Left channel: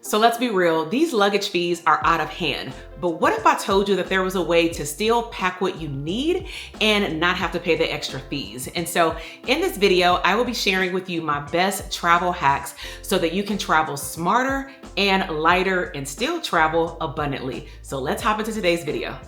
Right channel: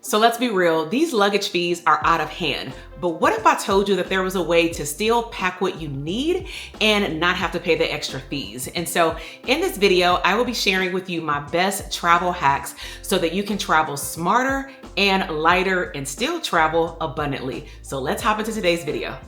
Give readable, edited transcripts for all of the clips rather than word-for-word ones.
So let's be real, these luggage fees are out of hand. But what if I told you that there was a way to still pack what you need and not have to pay the extra fees? And so in this video, I will be sharing with you my best travel hacks so that you can travel smarter and lighter and still travel abundantly. So let's hop into today's video.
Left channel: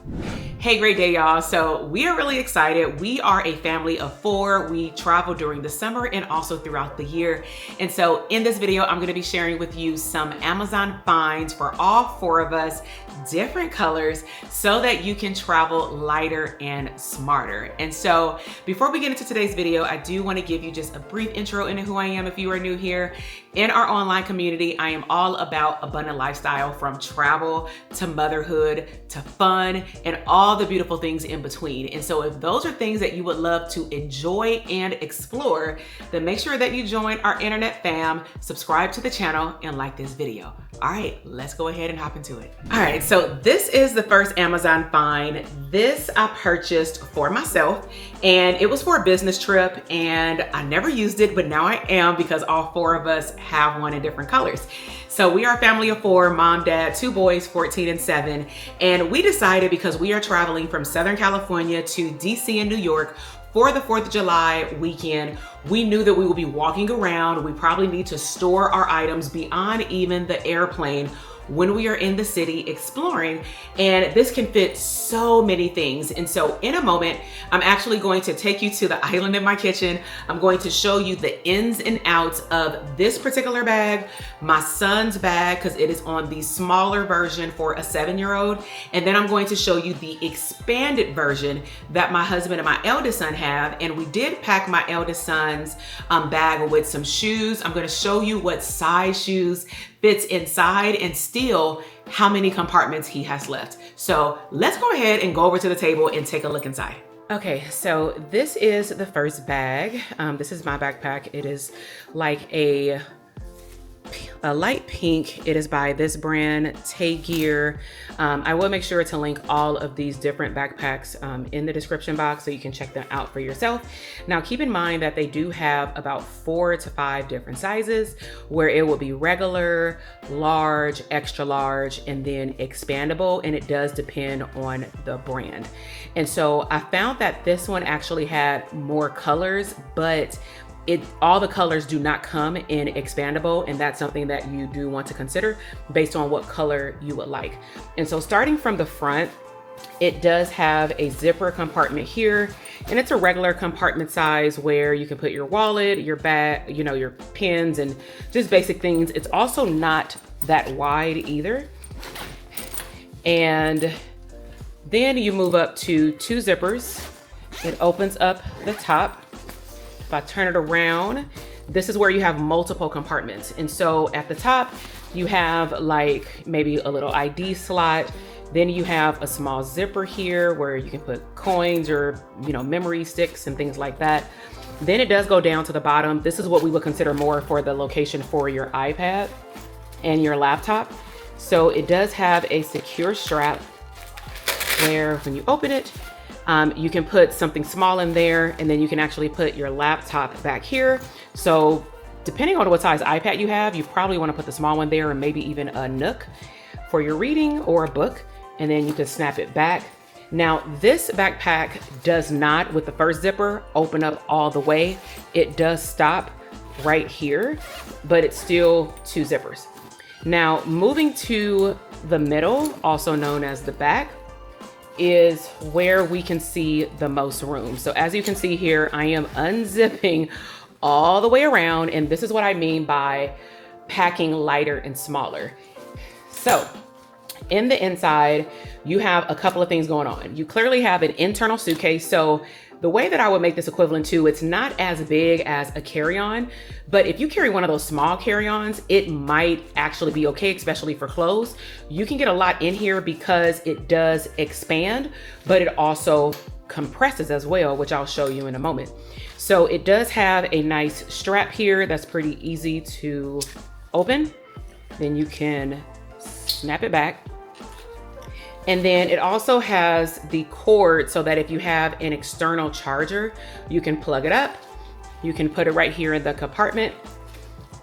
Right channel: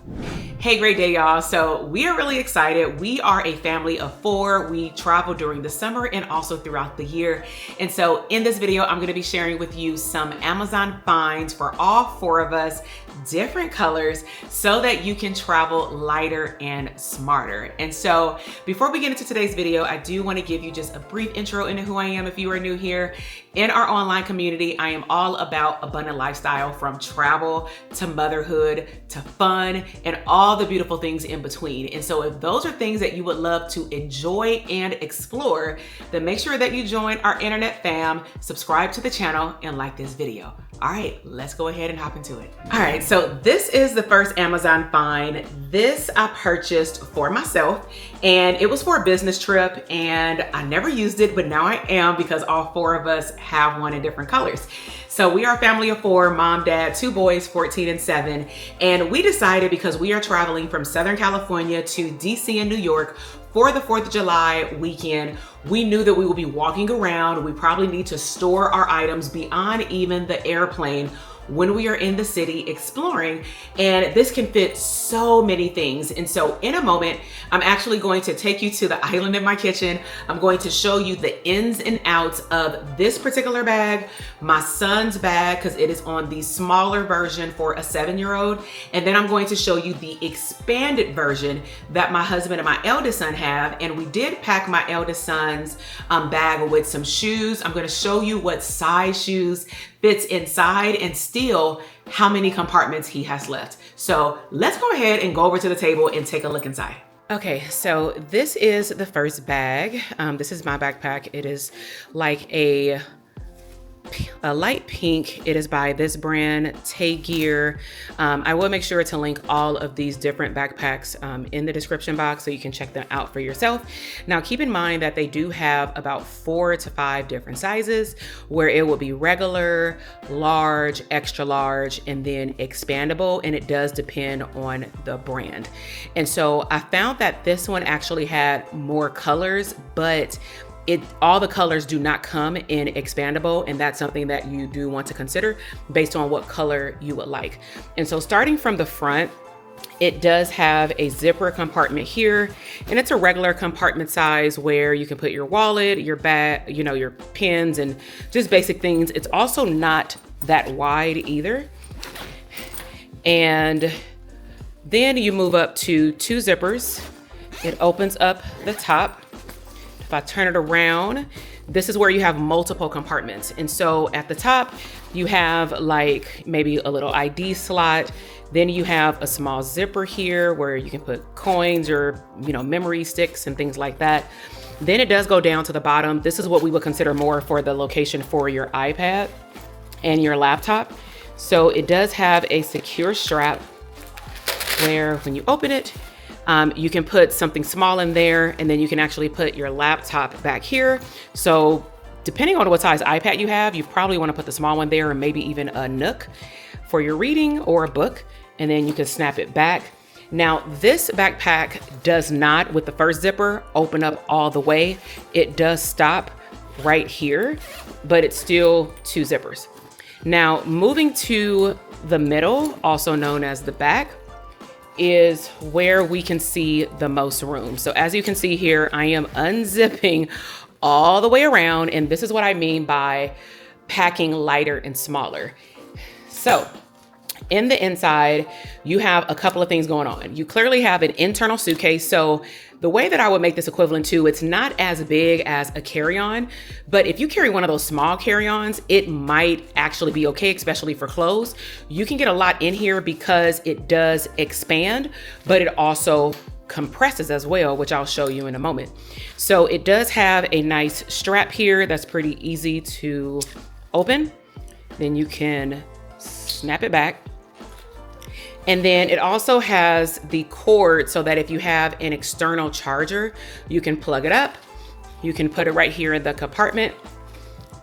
Hey, great day, y'all. So we are really excited. We are a family of 4. We travel during the summer and also throughout the year. And so in this video, I'm gonna be sharing with you some Amazon finds for all 4 of us, different colors, so that you can travel lighter and smarter. And so before we get into today's video, I do want to give you just a brief intro into who I am if you are new here. In our online community, I am all about abundant lifestyle, from travel to motherhood to fun and all the beautiful things in between. And so if those are things that you would love to enjoy and explore, then make sure that you join our internet fam, subscribe to the channel, and like this video. All right, let's go ahead and hop into it. All right, so this is the first Amazon find. This I purchased for myself, and it was for a business trip, and I never used it, but now I am, because all 4 of us have one in different colors. So we are a family of 4, mom, dad, 2 boys, 14 and 7. And we decided, because we are traveling from Southern California to DC and New York for the 4th of July weekend, we knew that we would be walking around. We probably need to store our items beyond even the airplane when we are in the city exploring, and this can fit so many things. And so in a moment, I'm actually going to take you to the island in my kitchen. I'm going to show you the ins and outs of this particular bag, my son's bag, because it is on the smaller version for a 7-year-old. And then I'm going to show you the expanded version that my husband and my eldest son have. And we did pack my eldest son's bag with some shoes. I'm going to show you what size shoes fits inside and still how many compartments he has left. So let's go ahead and go over to the table and take a look inside. Okay, so this is the first bag. This is my backpack. It is like a light pink. It is by this brand, Gear. I will make sure to link all of these different backpacks in the description box so you can check them out for yourself. Now, keep in mind that they do have about 4 to 5 different sizes, where it will be regular, large, extra large, and then expandable, and it does depend on the brand. And so I found that this one actually had more colors, but all the colors do not come in expandable, and that's something that you do want to consider based on what color you would like. And so starting from the front, it does have a zipper compartment here, and it's a regular compartment size where you can put your wallet, your bag, your pens, and just basic things. It's also not that wide either. And then you move up to 2 zippers. It opens up the top. If I turn it around, this is where you have multiple compartments. And so at the top, you have like maybe a little ID slot. Then you have a small zipper here where you can put coins or, memory sticks and things like that. Then it does go down to the bottom. This is what we would consider more for the location for your iPad and your laptop. So it does have a secure strap where when you open it, you can put something small in there, and then you can actually put your laptop back here. So depending on what size iPad you have, you probably want to put the small one there, or maybe even a nook for your reading or a book, and then you can snap it back. Now, this backpack does not, with the first zipper, open up all the way. It does stop right here, but it's still 2 zippers. Now, moving to the middle, also known as the back, is where we can see the most room. So as you can see here, I am unzipping all the way around, and this is what I mean by packing lighter and smaller. So in the inside, you have a couple of things going on. You clearly have an internal suitcase. So the way that I would make this equivalent to, it's not as big as a carry-on, but if you carry one of those small carry-ons, it might actually be okay, especially for clothes. You can get a lot in here because it does expand, but it also compresses as well, which I'll show you in a moment. So it does have a nice strap here that's pretty easy to open. Then you can snap it back. And then it also has the cord so that if you have an external charger, you can plug it up. You can put it right here in the compartment.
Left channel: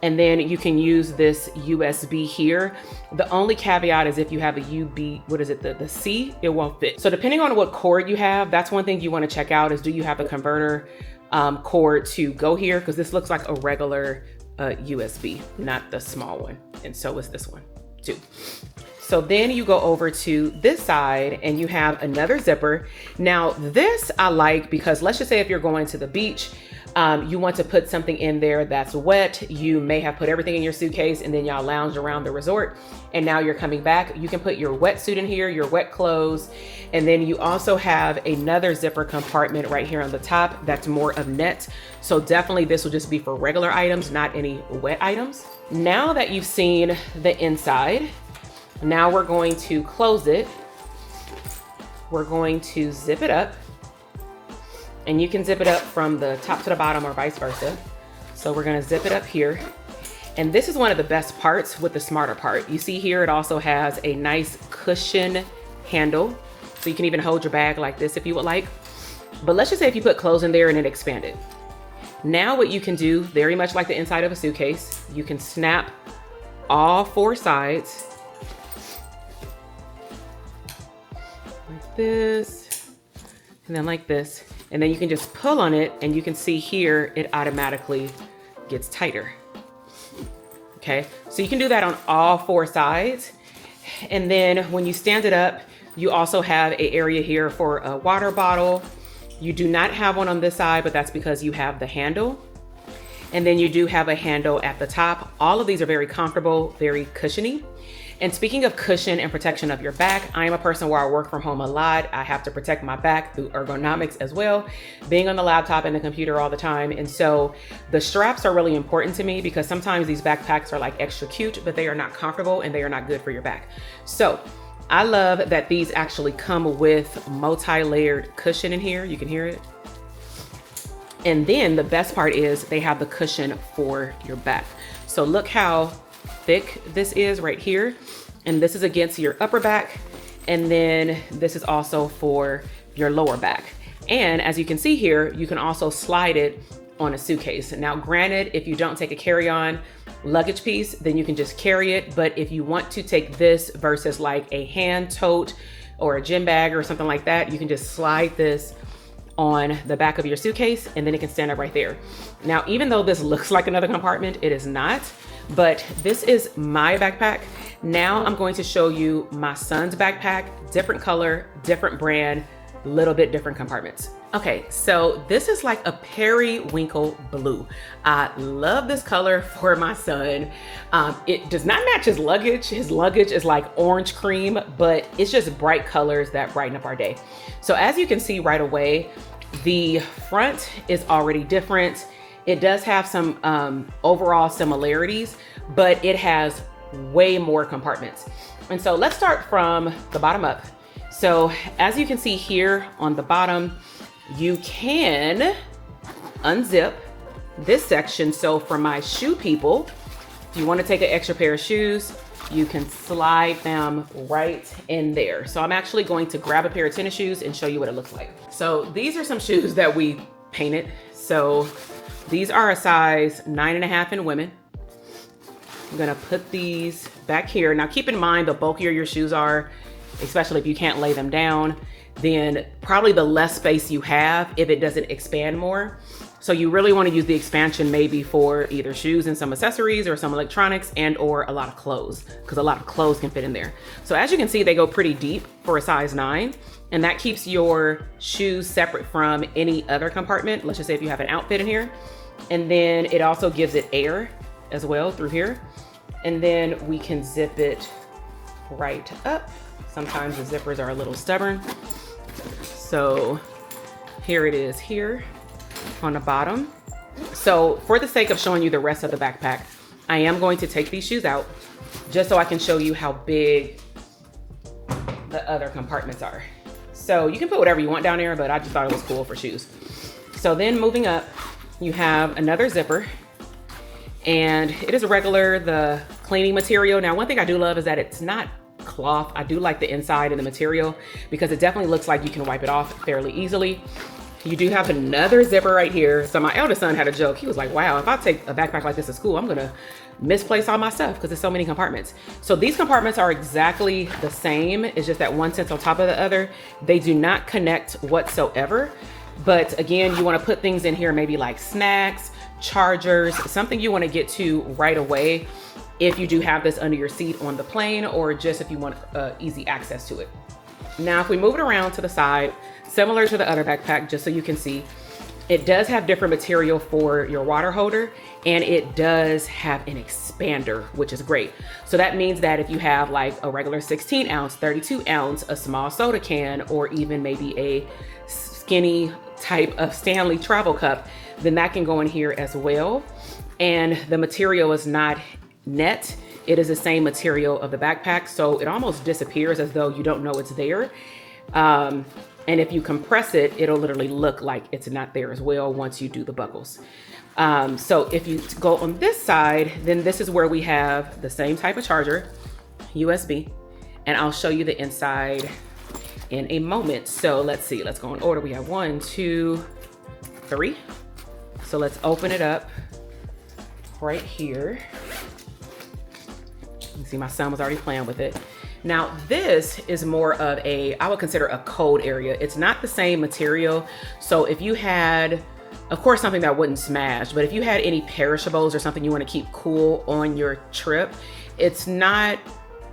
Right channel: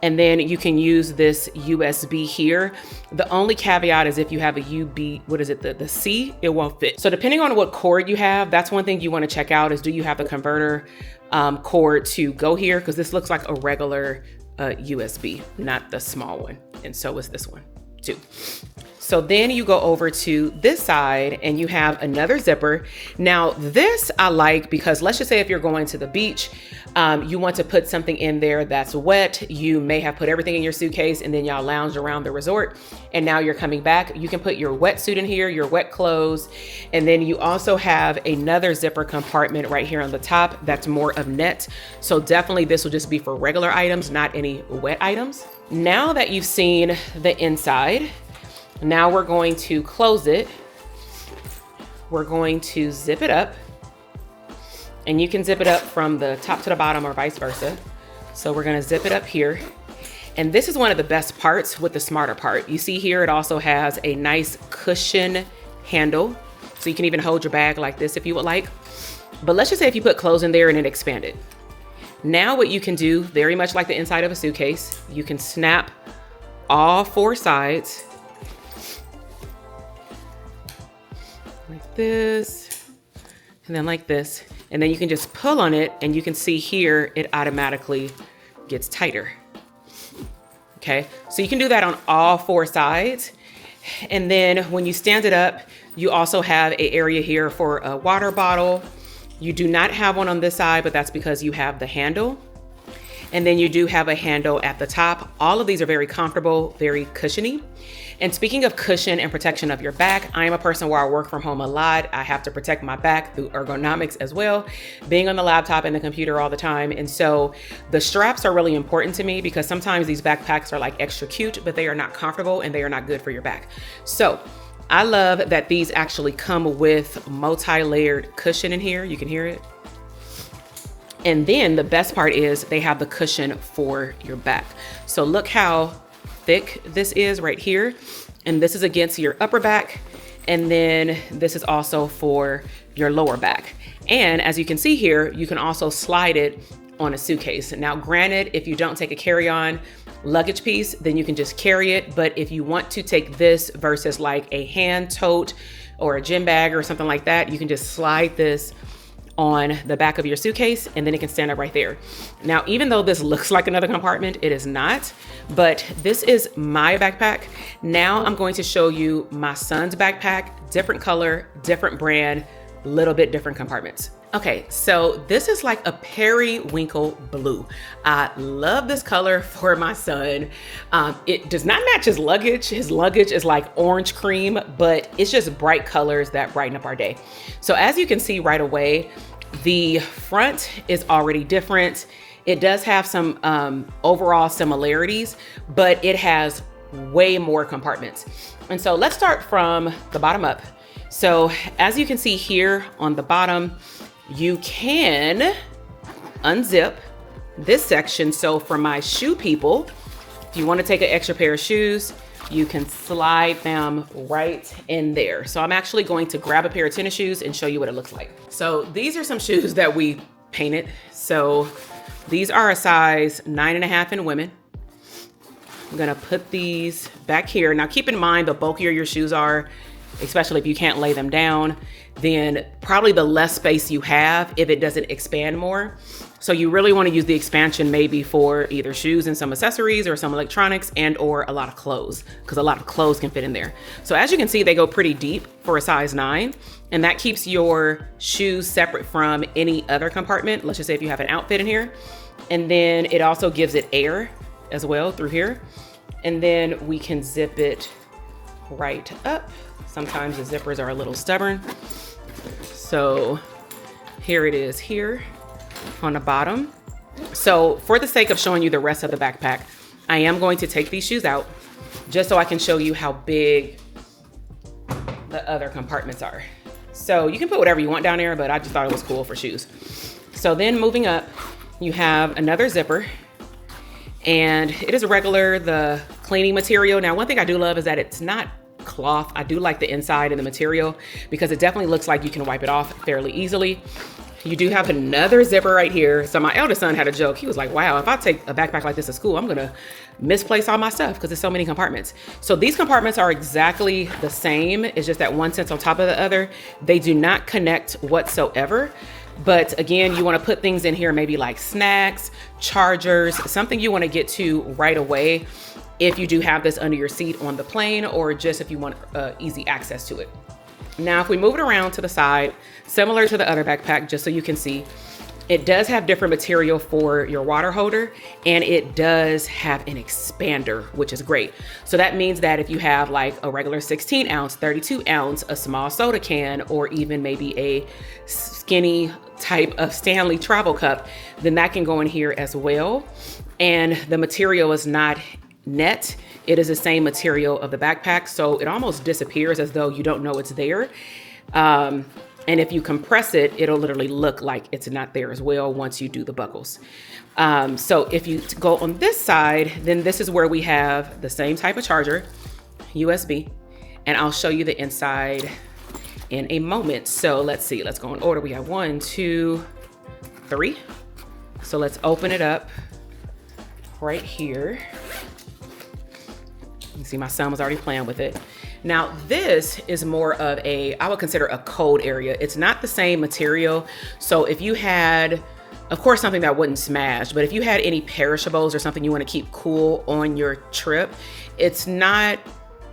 And then you can use this USB here. The only caveat is if you have a the C, it won't fit. So depending on what cord you have, that's one thing you want to check out is, do you have the converter cord to go here? Because this looks like a regular USB, not the small one. And so is this one too. So then you go over to this side and you have another zipper. Now this I like because let's just say if you're going to the beach, you want to put something in there that's wet. You may have put everything in your suitcase and then y'all lounge around the resort and now you're coming back. You can put your wetsuit in here, your wet clothes. And then you also have another zipper compartment right here on the top that's more of net. So definitely this will just be for regular items, not any wet items. Now that you've seen the inside, now we're going to close it. We're going to zip it up. And you can zip it up from the top to the bottom or vice versa. So we're gonna zip it up here. And this is one of the best parts with the smarter part. You see here, it also has a nice cushion handle. So you can even hold your bag like this if you would like. But let's just say if you put clothes in there and it expanded. Now what you can do, very much like the inside of a suitcase, you can snap all 4 sides. Like this, and then like this. And then you can just pull on it and you can see here, it automatically gets tighter. Okay, so you can do that on all 4 sides. And then when you stand it up, you also have an area here for a water bottle. You do not have one on this side, but that's because you have the handle. And then you do have a handle at the top. All of these are very comfortable, very cushiony. And speaking of cushion and protection of your back, I am a person where I work from home a lot. I have to protect my back through ergonomics as well, being on the laptop and the computer all the time. And so the straps are really important to me because sometimes these backpacks are like extra cute, but they are not comfortable and they are not good for your back. So I love that these actually come with multi-layered cushion in here. You can hear it. And then the best part is they have the cushion for your back. So look how thick this is right here. And this is against your upper back. And then this is also for your lower back. And as you can see here, you can also slide it on a suitcase. Now, granted, if you don't take a carry-on luggage piece, then you can just carry it. But if you want to take this versus like a hand tote or a gym bag or something like that, you can just slide this on the back of your suitcase and then it can stand up right there. Now, even though this looks like another compartment, it is not, but this is my backpack. Now I'm going to show you my son's backpack, different color, different brand, little bit different compartments. Okay, so this is like a periwinkle blue. I love this color for my son. It does not match his luggage. His luggage is like orange cream, but it's just bright colors that brighten up our day. So as you can see right away, the front is already different. It does have some overall similarities, but it has way more compartments. And so let's start from the bottom up. So as you can see here on the bottom, you can unzip this section. So for my shoe people, if you want to take an extra pair of shoes, you can slide them right in there. So I'm actually going to grab a pair of tennis shoes and show you what it looks like. So these are some shoes that we painted. So these are a size 9.5 in women. I'm gonna put these back here. Now keep in mind, the bulkier your shoes are, especially if you can't lay them down, then probably the less space you have if it doesn't expand more. So you really want to use the expansion maybe for either shoes and some accessories or some electronics and or a lot of clothes, because a lot of clothes can fit in there. So as you can see, they go pretty deep for a size 9, and that keeps your shoes separate from any other compartment. Let's just say if you have an outfit in here, and then it also gives it air as well through here. And then we can zip it right up. Sometimes the zippers are a little stubborn. So here it is here on the bottom. So for the sake of showing you the rest of the backpack, I am going to take these shoes out just so I can show you how big the other compartments are. So you can put whatever you want down there, but I just thought it was cool for shoes. So then moving up, you have another zipper, and it is regular, the cleaning material. Now, one thing I do love is that it's not cloth. I do like the inside and the material because it definitely looks like you can wipe it off fairly easily. You do have another zipper right here. So my eldest son had a joke. He was like, wow, if I take a backpack like this to school, I'm gonna misplace all my stuff because there's so many compartments. So these compartments are exactly the same. It's just that one sits on top of the other. They do not connect whatsoever. But again, you want to put things in here, maybe like snacks, chargers, something you want to get to right away if you do have this under your seat on the plane, or just if you want easy access to it. Now, if we move it around to the side, similar to the other backpack, just so you can see, it does have different material for your water holder, and it does have an expander, which is great. So that means that if you have like a regular 16 ounce, 32 ounce, a small soda can, or even maybe a skinny type of Stanley travel cup, then that can go in here as well. And the material is not net. It is the same material of the backpack, so it almost disappears as though you don't know it's there. And if you compress it, it'll literally look like it's not there as well once you do the buckles. So if you go on this side, then this is where we have the same type of charger, USB, and I'll show you the inside in a moment. So let's see, let's go in order. We have 1, 2, 3. So let's open it up right here. You see my son was already playing with it. Now this is more of I would consider a cold area. It's not the same material. So if you had, of course, something that wouldn't smash, but if you had any perishables or something you want to keep cool on your trip, it's not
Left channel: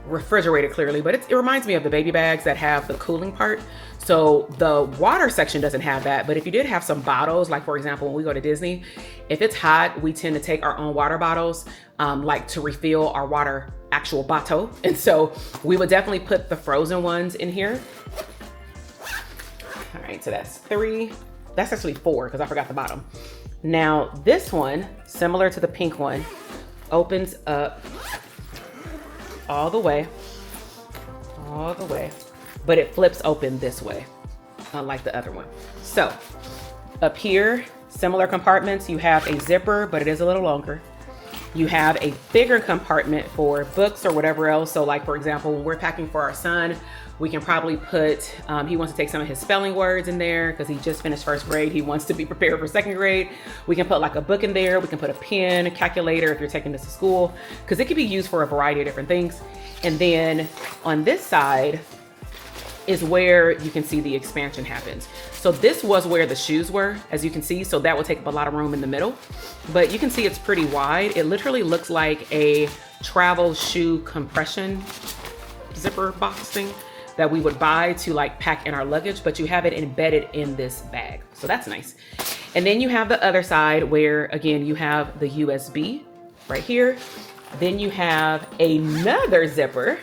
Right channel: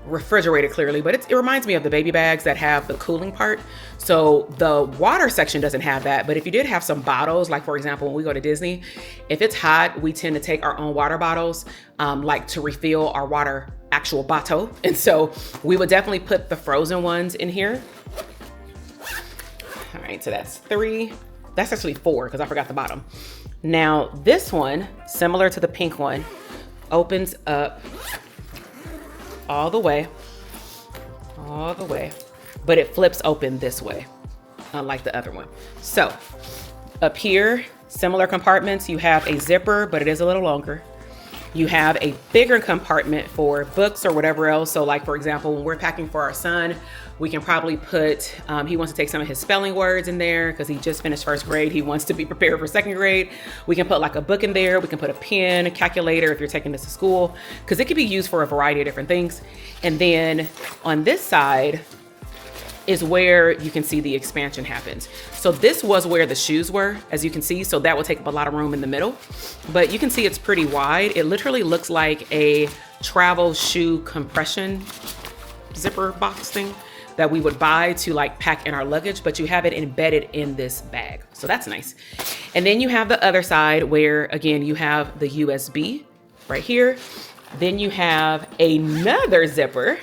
refrigerated clearly, but it reminds me of the baby bags that have the cooling part. So the water section doesn't have that, but if you did have some bottles, like for example, when we go to Disney, if it's hot, we tend to take our own water bottles, like to refill our water actual bottle. And so we would definitely put the frozen ones in here. All right, so that's 3. That's actually 4 because I forgot the bottom. Now this one, similar to the pink one, opens up all the way, but it flips open this way, unlike the other one. So up here, similar compartments, you have a zipper, but it is a little longer. You have a bigger compartment for books or whatever else. So like, for example, when we're packing for our son, we can probably put, he wants to take some of his spelling words in there because he just finished 1st grade. He wants to be prepared for 2nd grade. We can put like a book in there. We can put a pen, a calculator if you're taking this to school, because it could be used for a variety of different things. And then on this side is where you can see the expansion happens. So this was where the shoes were, as you can see. So that will take up a lot of room in the middle, but you can see it's pretty wide. It literally looks like a travel shoe compression zipper box thing that we would buy to like pack in our luggage, but you have it embedded in this bag. So that's nice. And then you have the other side where, again, you have the USB right here. Then you have another zipper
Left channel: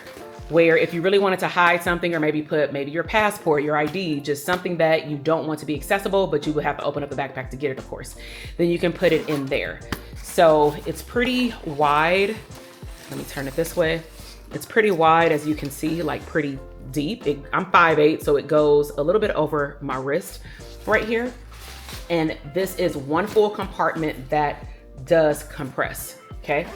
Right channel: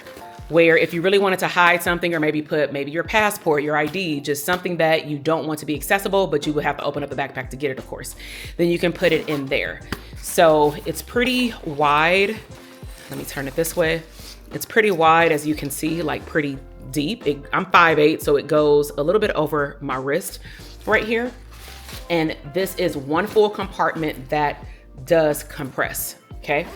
where if you really wanted to hide something, or maybe put your passport, your ID, just something that you don't want to be accessible, but you would have to open up the backpack to get it, of course, then you can put it in there. So it's pretty wide. Let me turn it this way. It's pretty wide, as you can see, like pretty deep. I'm 5'8", so it goes a little bit over my wrist right here. And this is one full compartment that does compress, okay?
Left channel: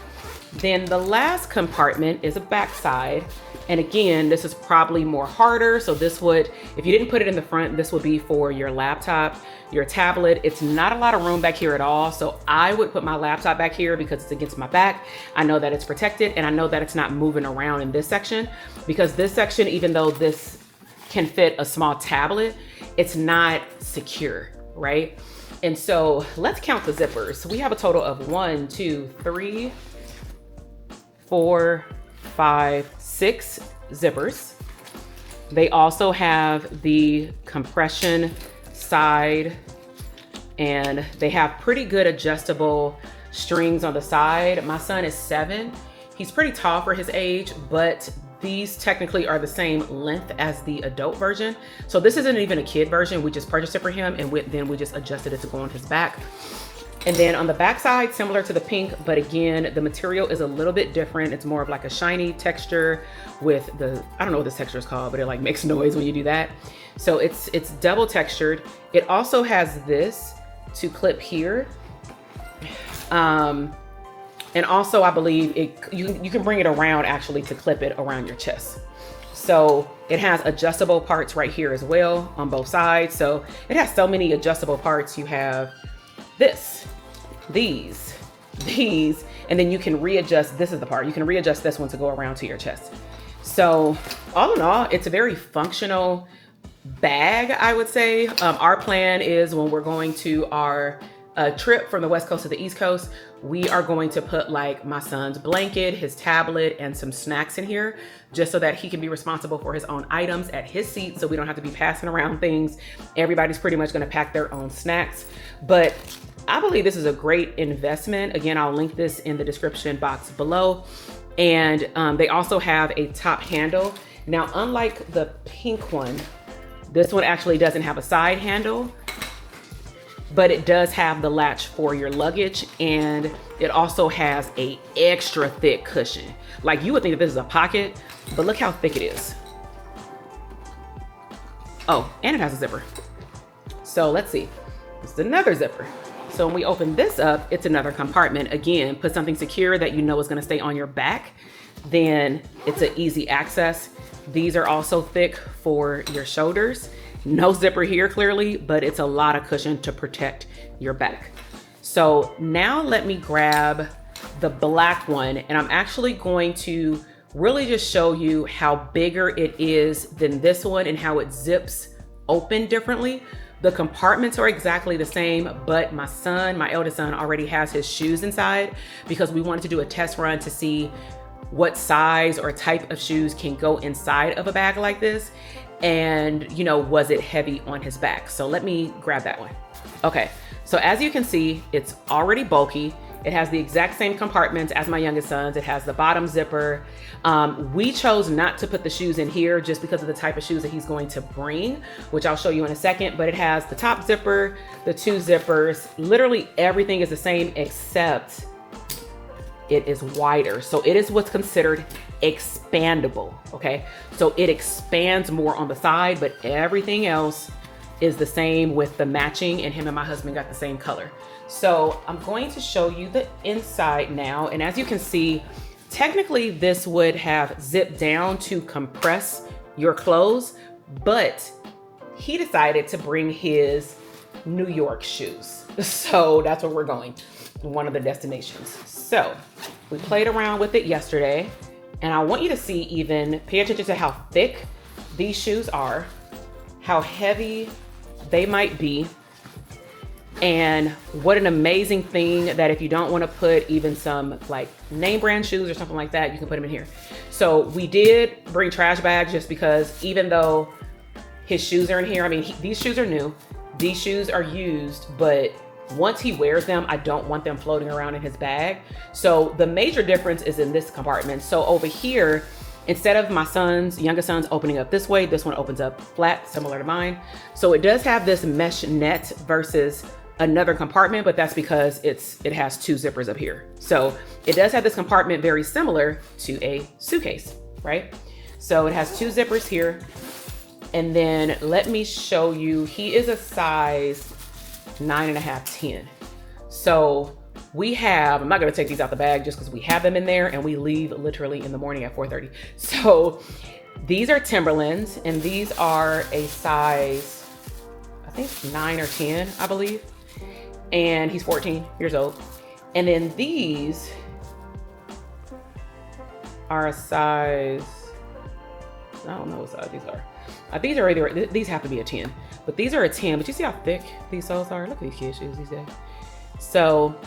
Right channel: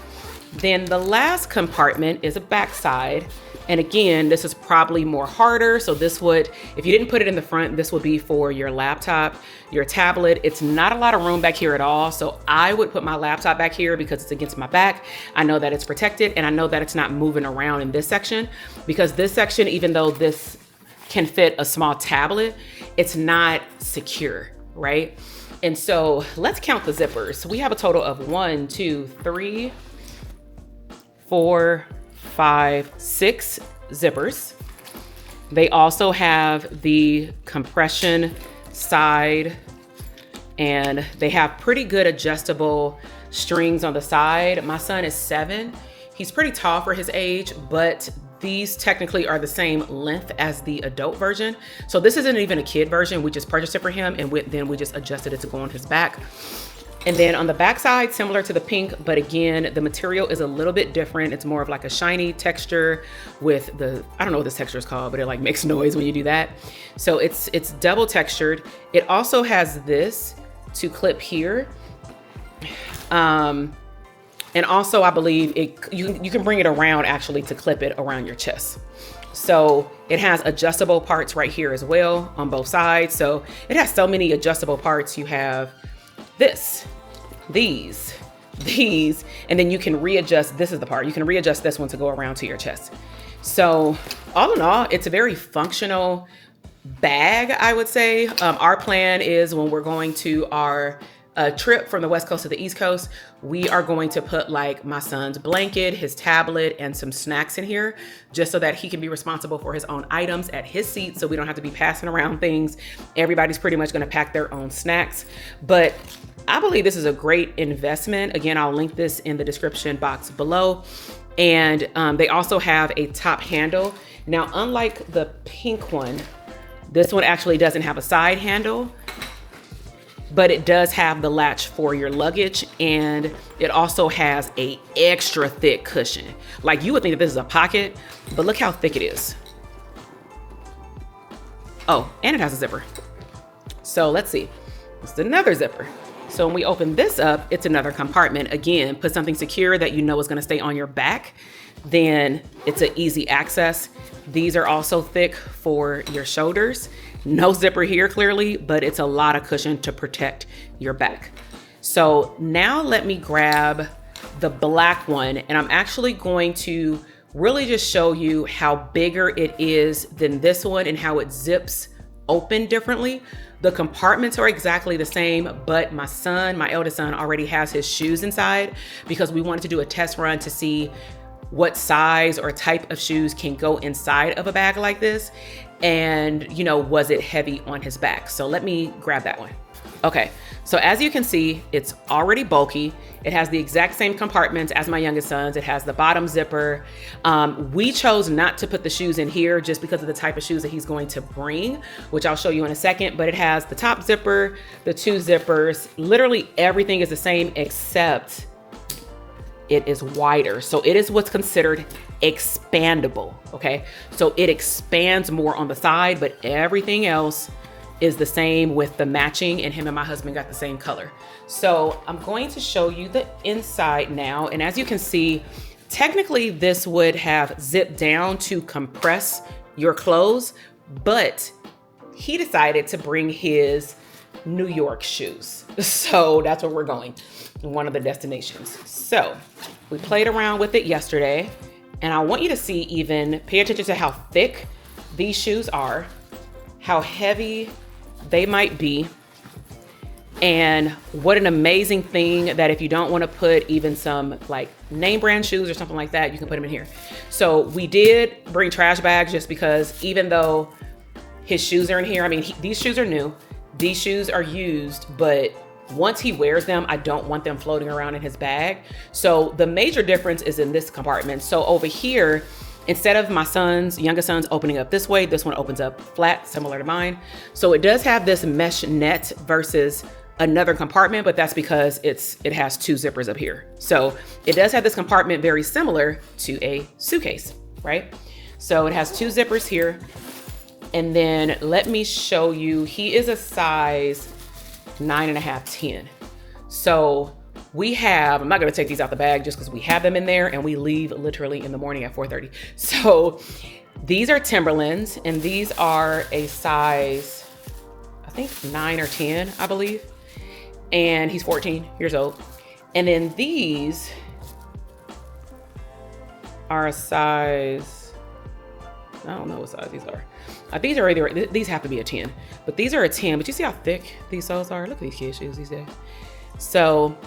Then the last compartment is a backside. And again, this is probably more harder. So this would, if you didn't put it in the front, this would be for your laptop, your tablet. It's not a lot of room back here at all. So I would put my laptop back here because it's against my back. I know that it's protected, and I know that it's not moving around in this section, because this section, even though this can fit a small tablet, it's not secure, right? And so let's count the zippers. So we have a total of 1, 2, 3, 4, 5, 6 zippers. They also have the compression side, and they have pretty good adjustable strings on the side. My son is 7. He's pretty tall for his age, but these technically are the same length as the adult version. So this isn't even a kid version. We just purchased it for him, and then we just adjusted it to go on his back. And then on the back side, similar to the pink, but again, the material is a little bit different. It's more of like a shiny texture with the, I don't know what this texture is called, but it like makes noise when you do that. So it's double textured. It also has this to clip here. And also I believe you can bring it around actually to clip it around your chest. So it has adjustable parts right here as well on both sides. So it has so many adjustable parts. You have this, these, and then you can readjust. This is the part. You can readjust this one to go around to your chest. So all in all, it's a very functional bag, I would say. Our plan is when we're going to our trip from the West Coast to the East Coast, we are going to put like my son's blanket, his tablet, and some snacks in here, just so that he can be responsible for his own items at his seat, so we don't have to be passing around things. Everybody's pretty much gonna pack their own snacks. But I believe this is a great investment. Again, I'll link this in the description box below. And they also have a top handle. Now, unlike the pink one, this one actually doesn't have a side handle, but it does have the latch for your luggage, and it also has a extra thick cushion. Like, you would think that this is a pocket, but look how thick it is. Oh, and it has a zipper. So let's see, it's another zipper. So when we open this up, it's another compartment. Again, put something secure that you know is gonna stay on your back, then it's an easy access. These are also thick for your shoulders. No zipper here clearly, but it's a lot of cushion to protect your back. So now let me grab the black one, and I'm actually going to really just show you how bigger it is than this one and how it zips open differently. The compartments are exactly the same, but my eldest son already has his shoes inside because we wanted to do a test run to see what size or type of shoes can go inside of a bag like this. And, you know, was it heavy on his back? So let me grab that one. Okay, so as you can see, it's already bulky. It has the exact same compartments as my youngest son's. It has the bottom zipper. We chose not to put the shoes in here just because of the type of shoes that he's going to bring, which I'll show you in a second, but it has the top zipper, the two zippers, literally everything is the same except it is wider. So it is what's considered expandable, okay? So it expands more on the side, but everything else is the same with the matching, and him and my husband got the same color. So I'm going to show you the inside now. And as you can see, technically this would have zipped down to compress your clothes, but he decided to bring his New York shoes. So that's where we're going, one of the destinations. So we played around with it yesterday, and I want you to see, even pay attention to how thick these shoes are, how heavy they might be, and what an amazing thing that if you don't want to put even some like name brand shoes or something like that, you can put them in here. So we did bring trash bags just because even though his shoes are in here, I mean, these shoes are new, these shoes are used, but once he wears them, I don't want them floating around in his bag. So the major difference is in this compartment. So over here, instead of my youngest son's opening up this way, this one opens up flat, similar to mine. So it does have this mesh net versus another compartment, but that's because it has two zippers up here. So it does have this compartment very similar to a suitcase, right? So it has two zippers here. And then let me show you, he is a size 9.5, 10. So we have, I'm not gonna take these out the bag just because we have them in there, and we leave literally in the morning at 4:30. So these are Timberlands, and these are a size, I think 9 or 10, I believe. And he's 14 years old. And then these are a size, I don't know what size these are. These are either, these have to be a 10, but these are a 10, but you see how thick these soles are? Look at these kids' shoes these days. So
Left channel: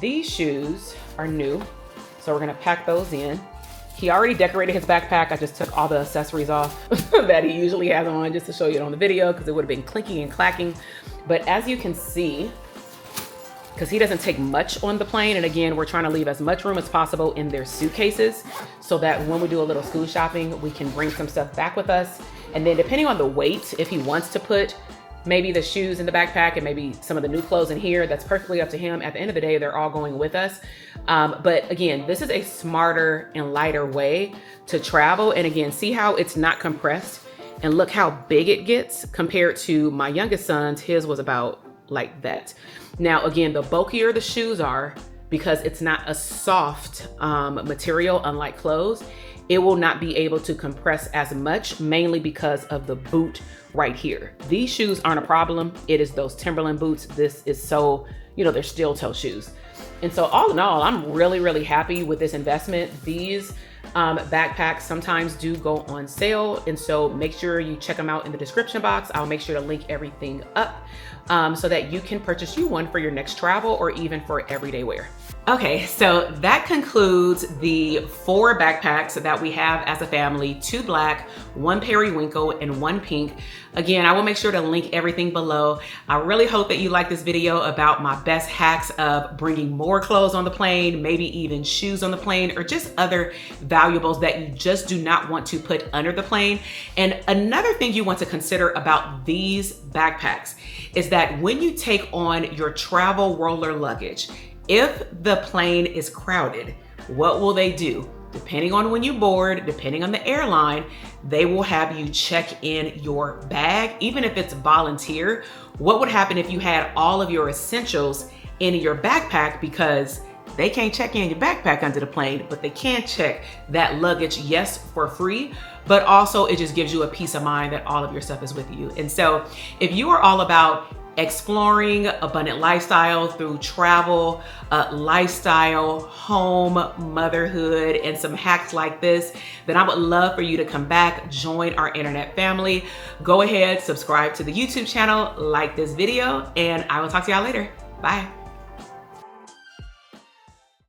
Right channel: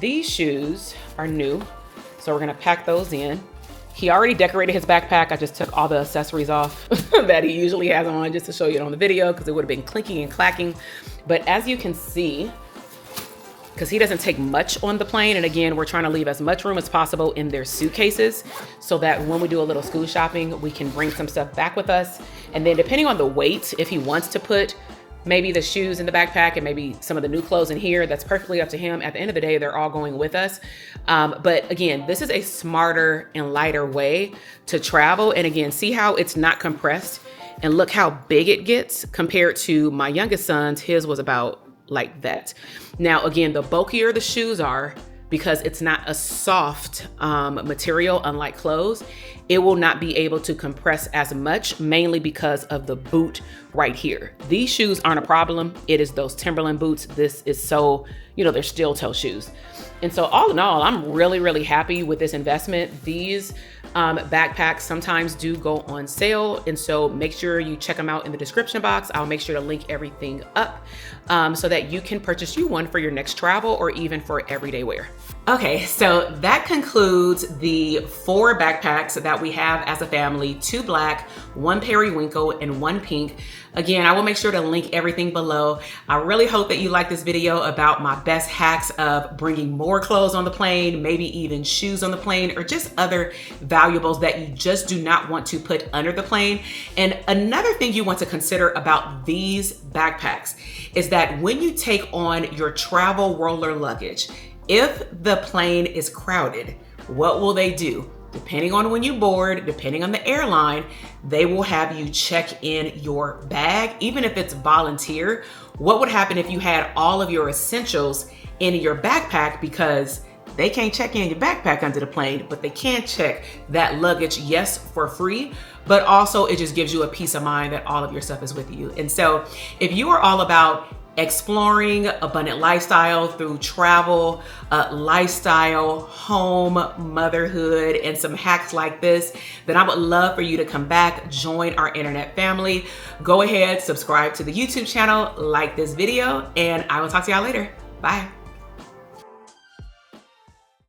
these shoes are new, so we're gonna pack those in. He already decorated his backpack. I just took all the accessories off that he usually has on just to show you on the video because it would have been clinking and clacking. But as you can see, because he doesn't take much on the plane, and again, we're trying to leave as much room as possible in their suitcases so that when we do a little school shopping, we can bring some stuff back with us. And then depending on the weight, if he wants to put maybe the shoes in the backpack and maybe some of the new clothes in here, that's perfectly up to him. At the end of the day, they're all going with us. But again, this is a smarter and lighter way to travel. And again, see how it's not compressed, and look how big it gets compared to my youngest son's. His was about like that. Now, again, the bulkier the shoes are, because it's not a soft material, unlike clothes, it will not be able to compress as much, mainly because of the boot right here. These shoes aren't a problem. It is those Timberland boots. This is so, they're steel toe shoes. And so all in all, I'm really, really happy with this investment. These backpacks sometimes do go on sale. And so make sure you check them out in the description box. I'll make sure to link everything up so that you can purchase you one for your next travel or even for everyday wear. Okay, so that concludes the 4 backpacks that we have as a family: 2 black, 1 periwinkle, and 1 pink. Again, I will make sure to link everything below. I really hope that you like this video about my best hacks of bringing more clothes on the plane, maybe even shoes on the plane, or just other valuables that you just do not want to put under the plane. And another thing you want to consider about these backpacks is that when you take on your travel roller luggage, if the plane is crowded, what will they do? Depending on when you board, depending on the airline, they will have you check in your bag, even if it's volunteer. What would happen if you had all of your essentials in your backpack? Because they can't check in your backpack under the plane, but they can check that luggage, yes, for free, but also it just gives you a peace of mind that all of your stuff is with you. And so if you are all about exploring abundant lifestyle through travel, lifestyle, home, motherhood, and some hacks like this, then I would love for you to come back, join our internet family. Go ahead, subscribe to the YouTube channel, like this video, and I will talk to y'all later. Bye.